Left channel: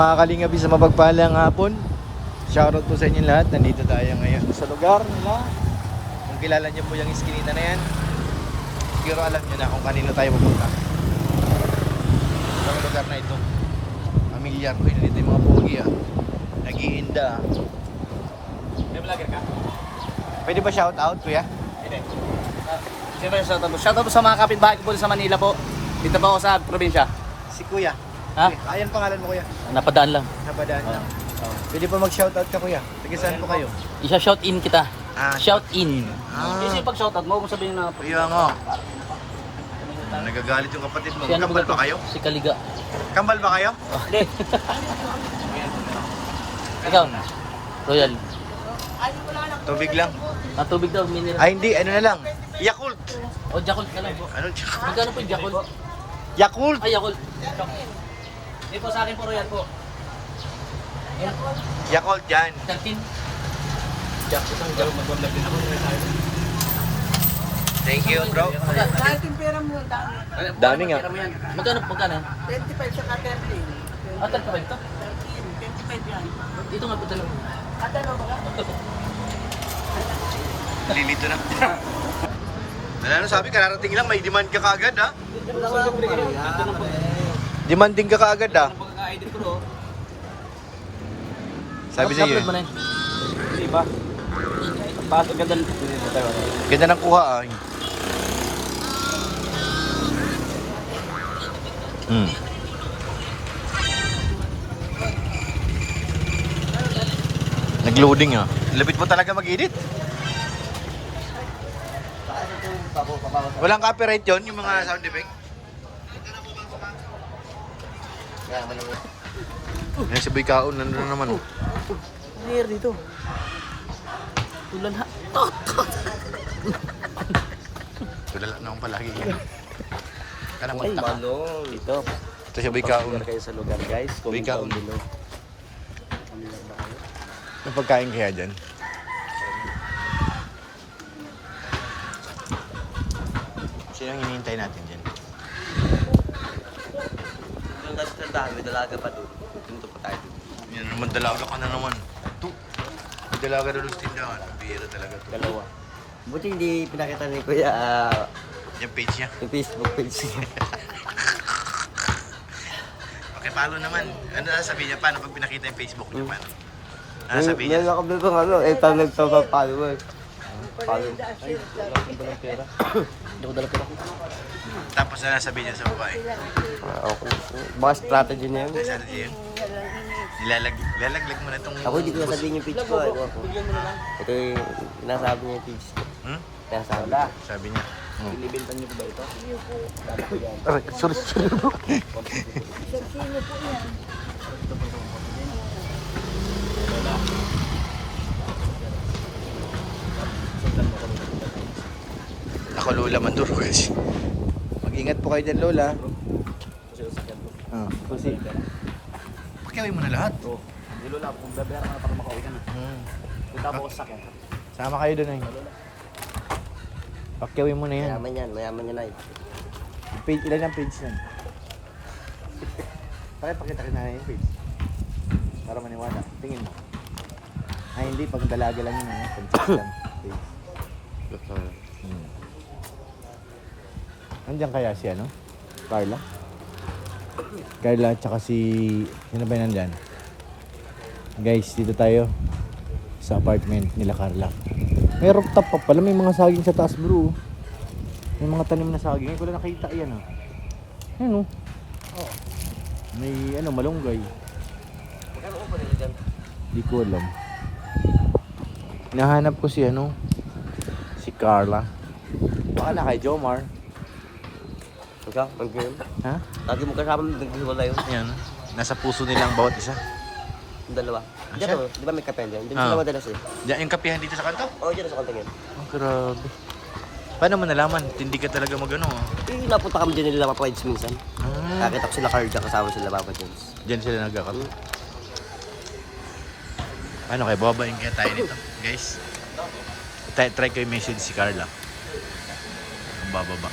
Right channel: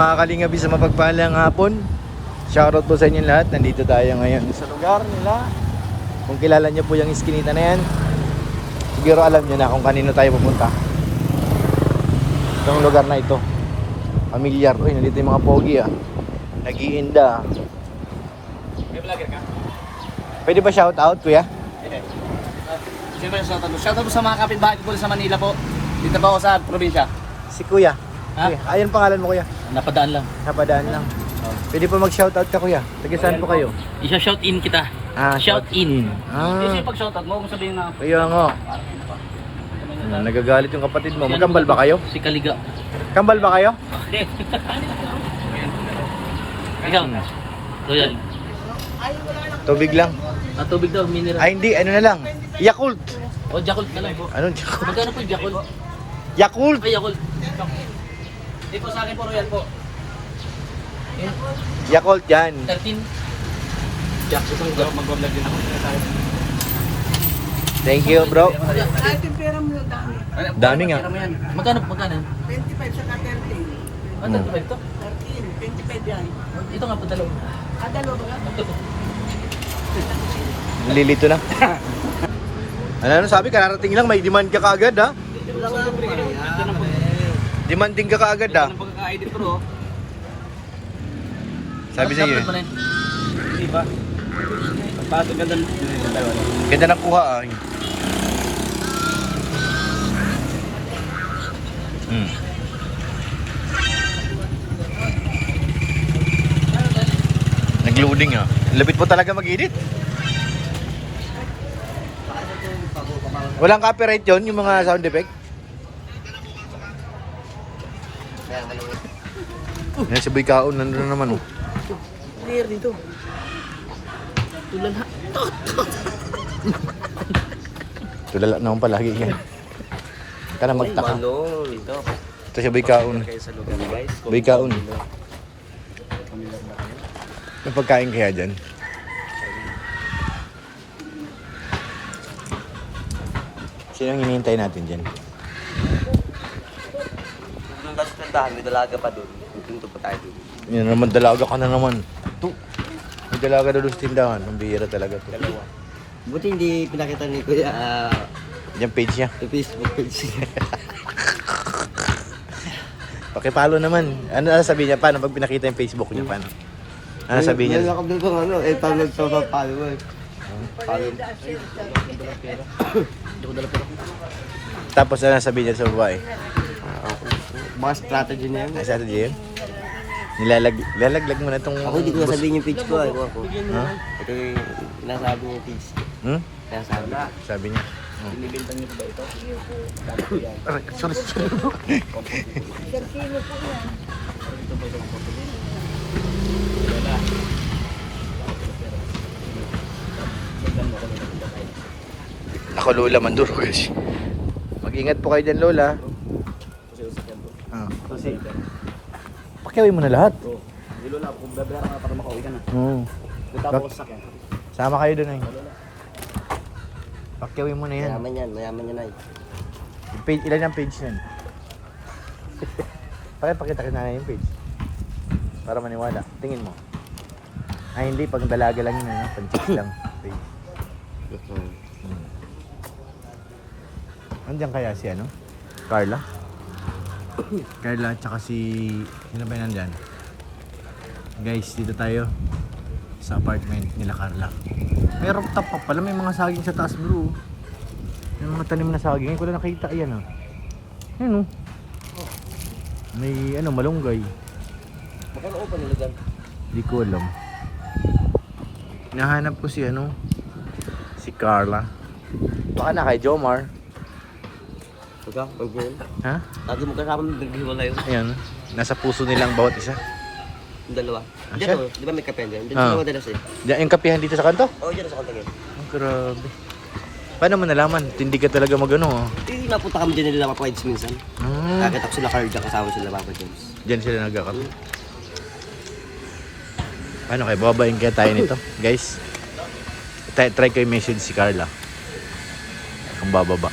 mga kalingabi sa mapagpalang hapon. Shoutout po sa inyo lahat. Nandito tayo ngayon sa lugar nila. Kung kilala niyo po yung iskinita na yan, siguro alam niyo na kung kanino tayo pupunta. Itong lugar na ito, familiar ko. Nandito yung mga pogi nag-iinda. May vlogger ka? Pwede ba shoutout, kuya? Pwede. Siyempre, shoutout po sa mga kapitbahay ko po sa Manila po. Dito po ako sa probinsya. Si kuya. Ha? Kuya. Ayun pangalan mo, kuya. Napadaan lang. Napadaan lang. Oh. Pwede po mag-shoutout ka, kuya. Taga saan po kayo? Isa-shout in kita. Shout in. Kasi pag shoutout mo, kung sabihin na... Kuya nga. Nagagalit yung kapatid mo. Magkambal ba kayo? Si Kaliga. Kambal ba kayo? Hindi. Ikaw. Royal. Tubig lang. Tubig daw, mineral. Ay hindi, ano na lang. Yakult. O, Jakult ka lang po. Anong Yakult? Magkano po yung Jakult? Yakult. Ay, Yakult. Hindi po sa akin po, Royal po. Yan. Yakult yan. 13. Jakult. Ito, mag-vlog din ako. Thank you, bro. Dami nga. Magkano? 25 saka 13. Ah, 35 to? 13, 25 yan. Dito nga po dalawa. Dalawa ba? Ito po. Lilito na. Ano sabi, kararating lang, may demand ka kaagad ha? Demanding ka kaagad ha? Ang pagkaka-edit bro. Sabi sa iyo. Hindi ba? Pagpasok ganda ng Ganda ng kuha Nag-loading Lapit mo talaga mag-edit. Walang copyright yun, yung mga sound effect. Yan si Boy Kaon, nandun na naman clear dito. Tulan ha. Tulala na akong palagi yan. Kana magtaka. Dito. Ito si Boy Kaon. Kayo sa lugar guys. Boy Kaon. May pagkain kaya dyan? Sino ang hinihintay natin dyan? May dalaga pa doon. Dito pa tayo. Yan naman, dalaga ka na naman. Ito. May dalaga na doon sa tindahan. Ang bihira talaga to. Buti hindi pinakita ni Kuya Yung page niya. yung Facebook page. Pakipalo naman. Ano sabihin niya? Paano pag pinakita yung Facebook niya? Paano? Ano sabihin niya? May nakabili pang ano, 800 sa followers. Follow. Tapos ano sabihin niya sa babae? Baka strategy na yan. Ano strategy yun? Nilalaglag mo na itong... Ako hindi ko sabihin yung page ko. Ha? Ito yung nasabi yung page. Hmm? Kaya sabi. Sabi niya. Oh. Binibintan niyo ba ito? Sorry. Ako Lola Manduro kasi. Mag-ingat po kayo dyan Lola. Kasi Pakiawin mo na lahat. hindi Lola, kung babayaran ka para makauwi ka na. Punta po sa sakyan. Sama kayo dun Pakiawin mo na yan. Mayaman yan ay. Page, ilan ang page nun? Pakita na yung page. Para maniwala. Tingin mo. Ay hindi, pag dalaga lang yun. Pag-check lang. Page. Andiyan kaya si Carla? Carla tsaka si... Sino ba yun nandyan? Guys, dito tayo. Sa apartment nila Carla. May rooftop pa pala. May mga saging sa taas bro. May mga tanim na saging. Hindi ko na nakita. Ayan Ayan May malunggay. Hindi ko alam. Nahanap ko si si Carla. Baka na kay Jomar. Ikaw, mag-game? Ha? Lagi mo kasama naghiwala yun. Ayan. Nasa puso nilang bawat isa. Yung dalawa. siya? Diyan di ba may kape dyan? Diyan Ah. sila madalas eh. Diyan yung kapihan dito sa kanto? Oo, dyan sa kontingin. Oh, grabe. Paano mo nalaman? Tindi ka talaga Napunta kami din nila Papa Eds minsan. Nakita ko sila Carla, kasama sila Papa James. Diyan sila nagkakape. Paano kayo? Bababayin kaya tayo nito? Guys, try ko yung message si Carla. Ang bababa.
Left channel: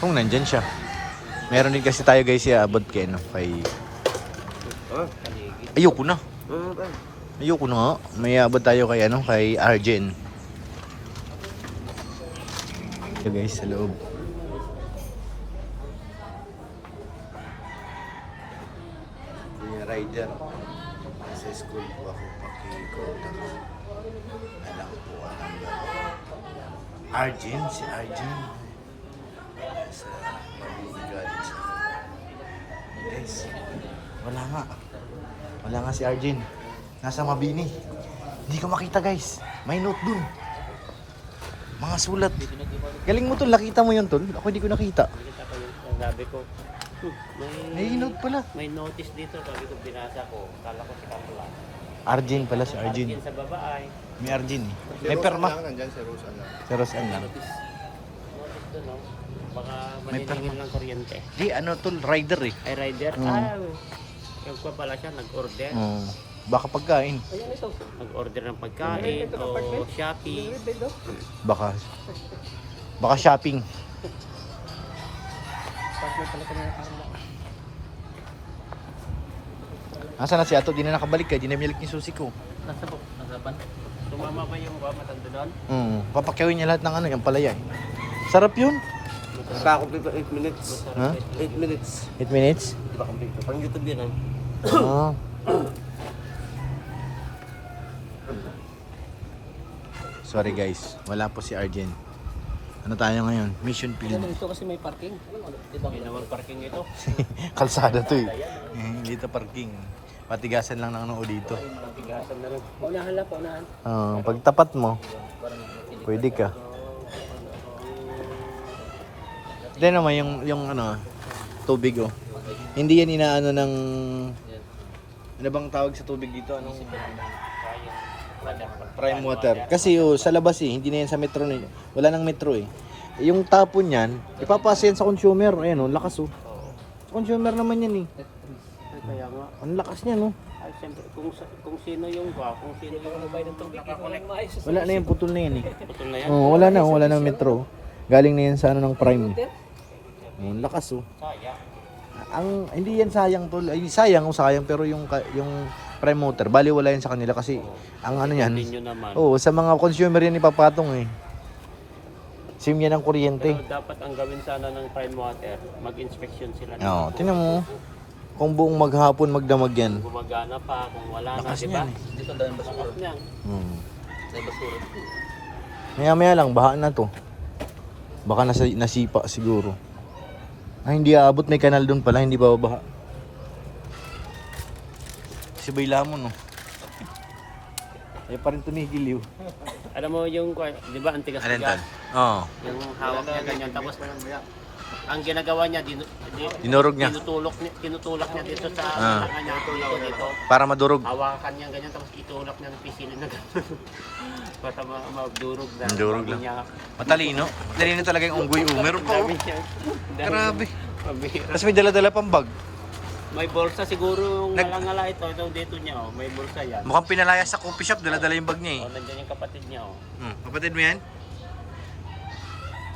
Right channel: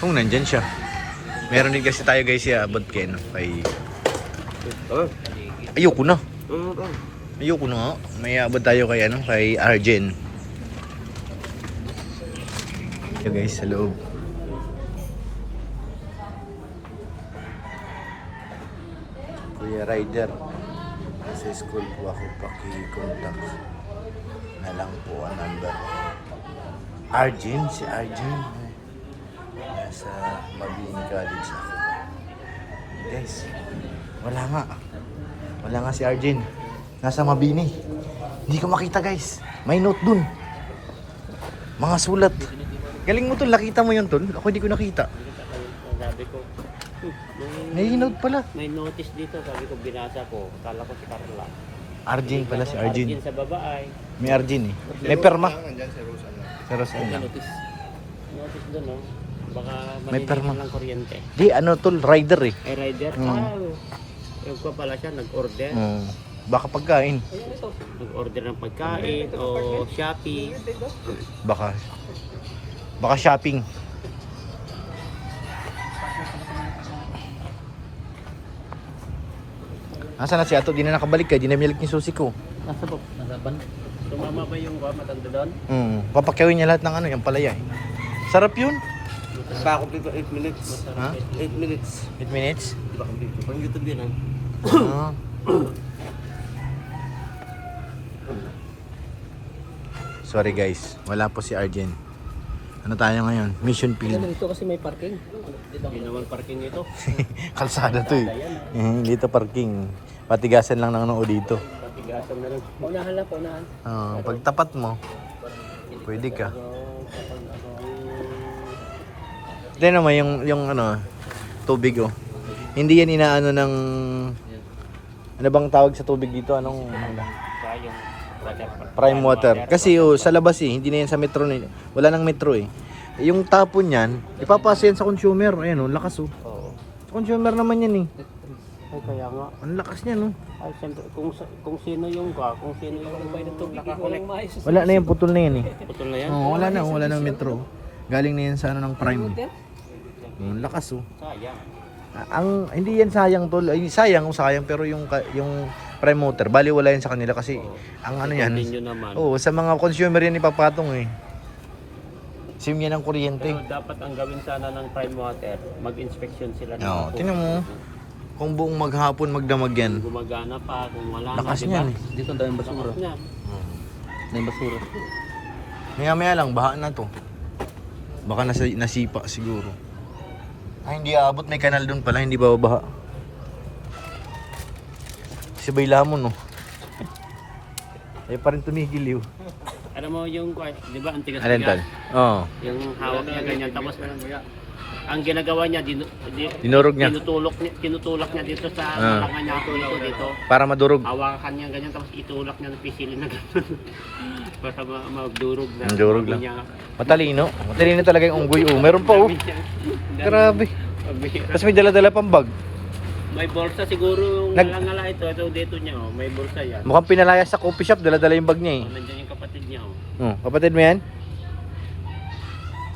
Kung nandyan siya. Meron din kasi tayo guys abot kay Ayoko na. Oo ba? Ayoko na nga. May abot tayo kay ano, kay Arjen. Ito guys, sa loob. Kuya Rider, sa school po ako, paki-contact na lang po ang number. Arjen, si Arjen. Nasa Mabini College ako. Guys, wala nga. Wala nga si Arjen. Nasa Mabini. Hindi ko makita guys. May note dun. Mga sulat. Galing mo tol, nakita mo yun tol? Ako hindi ko nakita. Sabi ko, May note pala. may notice dito. Sabi ko, binasa ko. Kala ko si Carla. Arjen pala si Arjen. Sa baba ay May Arjen eh. May perma. Pero saan lang? notice doon, no? Baka May perma. ng kuryente. Di ano tol, rider eh. Ay, rider. Yung pa pala siya, nag-order. Baka pagkain. Nag-order ng pagkain o Shopee. Baka shopping. Nasaan na si Ato? Di na nakabalik ka. Di na milik yung susi ko. Nasa ba? Tumama ba yung matanda doon? Papakyawin niya lahat ng ano, yung palaya. Sarap yun. Baka dito 8 minutes. Ha? 8 minutes. 8 minutes? Baka dito. Pang YouTube din ah. Ah. Sorry guys, wala po si Arjen. Ano tayo ngayon? Mission field. Ito kasi may parking. Hindi naman parking ito. Kalsada to eh. Dito parking. Patigasan lang ng noo dito. Patigasan na lang. Paunahan lang, paunahan. Pag tapat mo, pwede ka. Ito naman yung ano, tubig oh. Hindi yan inaano ng... Ano bang tawag sa tubig dito? Anong... Prime water. Kasi sa labas eh, hindi na yan sa metro. Wala nang metro eh. Yung tapon yan, ipapasa yan sa consumer. Ayan oh, lakas oh. Sa consumer naman yan eh. Ay, kaya nga. Ang lakas niya no. Ay, siyempre, kung sino yung nagbayad ng tubig, walang maayos. Wala na yan, putol na yan eh. Putol na yan. Wala nang metro. Galing na yan sa ano ng prime. Ang lakas oh. Ang hindi yan sayang tol. Ay, sayang pero yung prime motor, bali wala yan sa kanila kasi ang ano yan. Continue naman. Oo, sa mga consumer yan ipapatong eh. SIM yan ng kuryente. Pero dapat ang gawin sana ng prime water, mag-inspection sila. Oo, tingnan mo. Kung buong maghapon magdamag yan. Gumagana pa, kung wala Lakas na, niyan eh. Dito doon, lakas niyan. Maya lang, baha na to. Baka nasipa siguro. Ay, hindi aabot, may kanal doon pala, hindi babaha. Si Bay Lamon, no? Ay, pa rin tumigil yun. Alam mo yung, di ba, ang tigas Alin, tol? niya? Oo. Yung hawak niya ganyan, tapos ang ginagawa niya, Dinurog niya. tinutulak niya dito sa tangan niya dito. Para madurog. Hawakan niya ganyan, tapos itulak niya ng pisilin na gano'n. Para magdurog na. Magdurog lang. Niya. Matalino. Matalino talaga yung unggoy. Oh, meron pa oh. Grabe. Tapos may dala-dala pang bag. May bolsa siguro yung ngala ito dito niya oh. May bolsa yan. Mukhang pinalaya sa coffee shop, dala-dala yung bag niya eh. Nandiyan yung kapatid niya oh. Kapatid mo yan?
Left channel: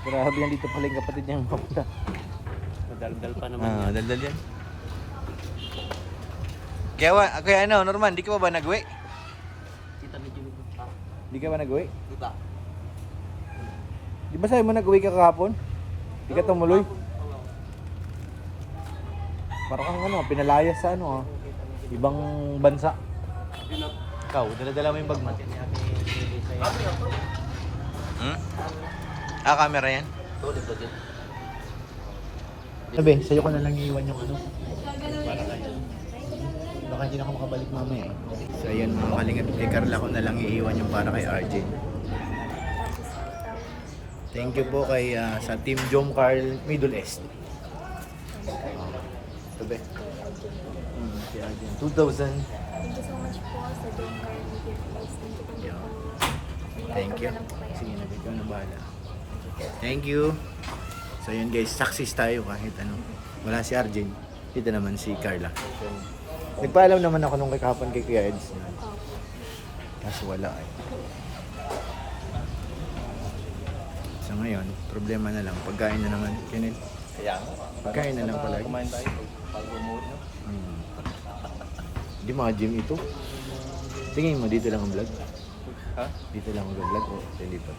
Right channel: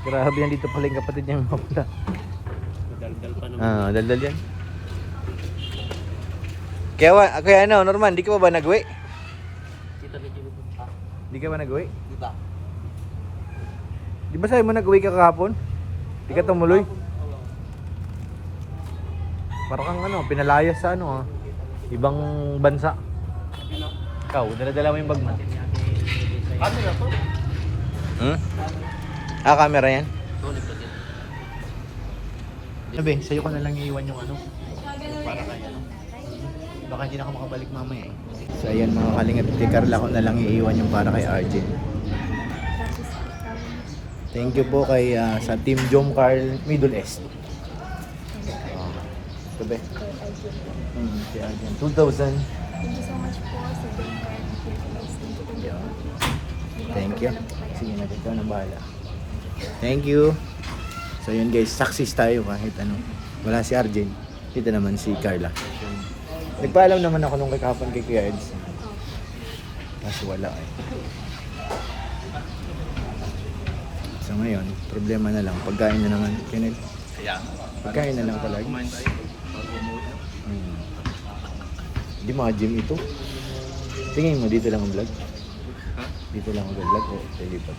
Grabe yan dito pala yung kapatid niya mapula. Daldal pa naman. Daldal yan. Kaya ano, Norman, di ka ba nag-uwi? Di ka ba nag-uwi? Di ba? Di ba sabi mo nag-uwi ka kahapon? Di ka tumuloy? Parang kang ano, pinalayas sa ano ibang bansa. Ikaw, dala-dala mo yung bag mo. Camera to. Camera yan? Tulog ba din? Sabi, sa'yo ko na lang iiwan yung ano. Para kaya. Baka hindi na ako makabalik mamaya eh. So ayan mga kalingap, kay Carla ko na lang iiwan yung para kay RJ. Thank you po kay sa Team Jom Carl Middle East. Sabi. Si RJ. 2,000. Thank you so much po sa John Carl Middle East. Thank you. Sige na, ikaw na bahala. Thank you. So yun guys, success tayo kahit ano. Wala si Arjen. Dito naman si Carla. Nagpaalam naman ako nung kahapon kay Kuya Eds. Kaso wala eh. So ngayon, problema na lang. Pagkain na naman. Kinil. Pagkain na lang palagi. Hindi mga gym ito. Tingin mo, dito lang ang vlog? Dito lang ang vlog o sa lipat?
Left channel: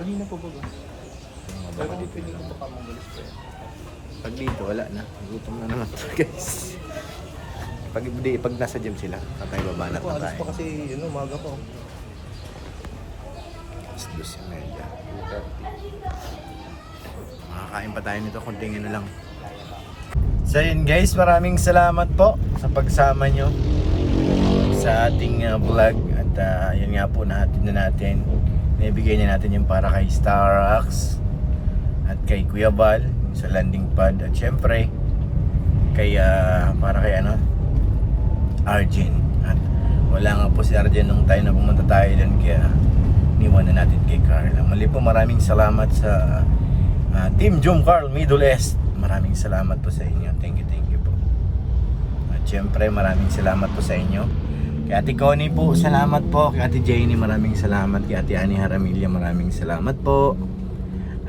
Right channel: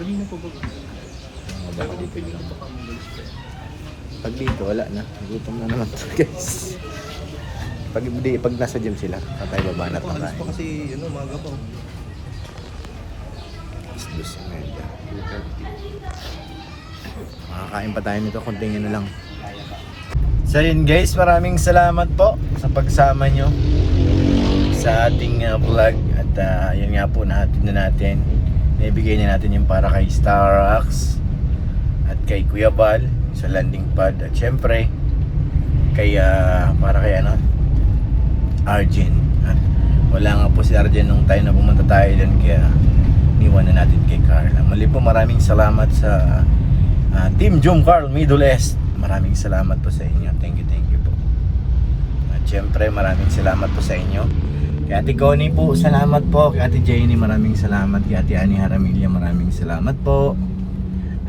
Tingin ko po. Mga baka dito lang. Pag dito, wala na. Gutom na naman to, guys. Pag nasa gym sila, tatay babanat ng kain. Kasi yun, umaga pa. Dus na yan. Makakain pa tayo nito, konting ano lang. So yun guys, maraming salamat po sa pagsama nyo sa ating vlog. At yun nga po, nahatid na natin. Naibigay na natin yung para kay Starax at kay Kuya Bal sa landing pad. At syempre, kay, para kay Arjen. At wala nga po si Arjen nung tayo na pumunta tayo doon, kaya niwan na natin kay Carla. Mali po, maraming salamat sa Team Jom Carl Middle East. Maraming salamat po sa inyo. Thank you po. At syempre, maraming salamat po sa inyo. Kay Ate Connie po, salamat po. Kay Ate Jenny, maraming salamat. Kay Ate Ani Haramilya, maraming salamat po.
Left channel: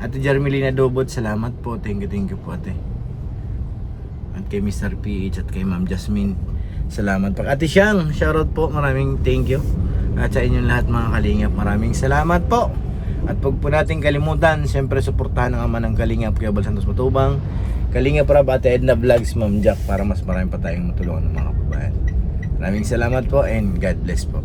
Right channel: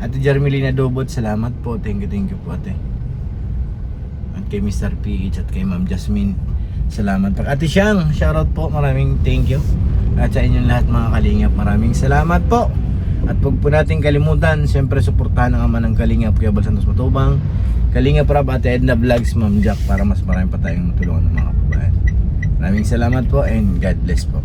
Ate Jarmelina Dobot, salamat po. Thank you po, ate. At kay Mr. PH at kay Ma'am Jasmine, salamat po. Ate Siang, shoutout po. Maraming thank you. At sa inyong lahat mga kalingap, maraming salamat po. At huwag po natin kalimutan, siyempre suportahan ang ama ng Kalingap, Kuya Bal Santos Matubang, Kalingap Rab, Ate Edna Vlogs, Ma'am Jack, para mas marami pa tayong matulungan ng mga kababayan. Maraming salamat po and God bless po.